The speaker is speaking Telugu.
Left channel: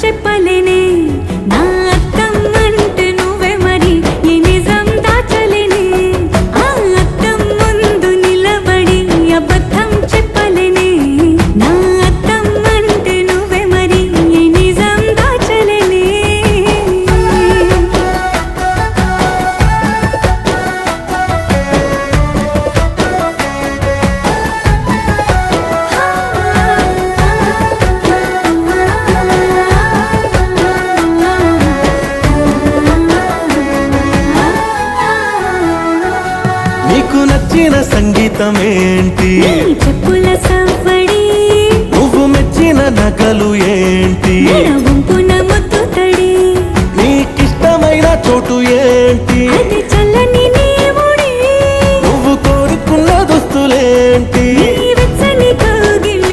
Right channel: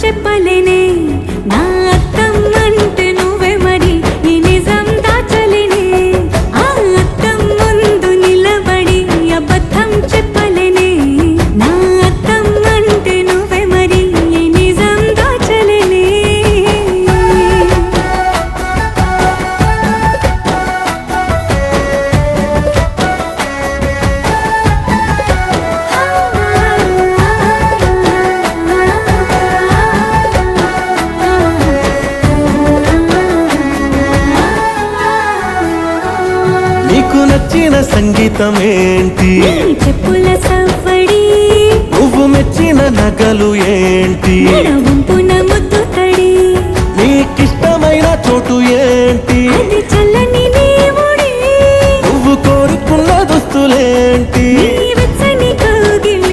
చెప్పలేనే నా అత్తమ్మంటే నువ్వే మరి ఈ నిజం దాచలేనే ఆ అద్దం ముందు నిలబడి అబద్ధం చెప్పలేనే నా అత్తమ్మంటే నువ్వే మరి ఈ నిజం దాచలేనే నీకు నచ్చిన సంగీతం ఏంటి చెప్పుల సవ్వడి నువ్వు మెచ్చిన నగలు ఏంటి వంపున ముత్తు తడి నీకిష్టమైన చోటు ఏంటి అది చల్లని నీ ఒడి నువ్వు కోరుకున్న దుస్తులేంటి